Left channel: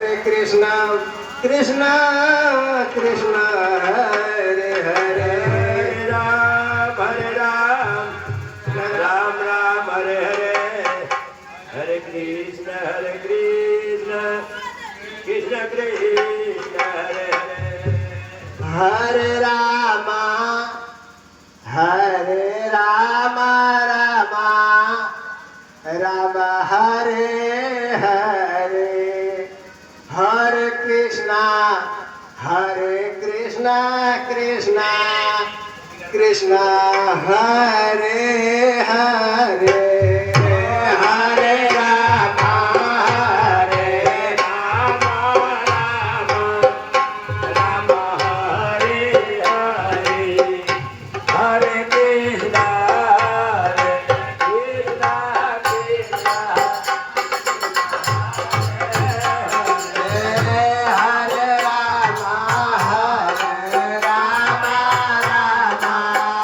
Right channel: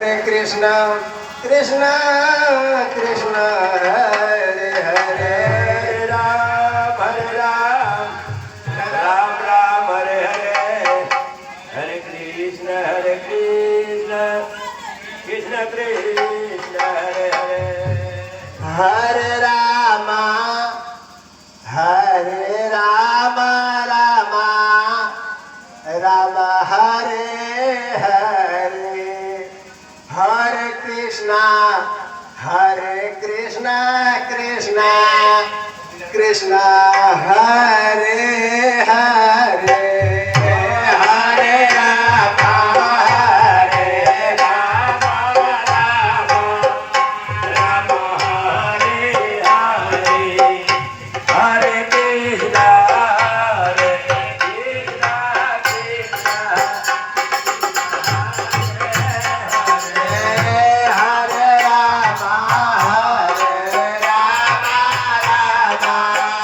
Hare Krishna, Krishna Krishna, Hare Hare, Hare Ram, Ram Ram, Hare Hare, Hare Krishna, Krishna Krishna, Hare Hare. Hare Rama, Hare Rama, Rama Rama, Hare Hare, Hare Krishna, Krishna Krishna, Hare Hare.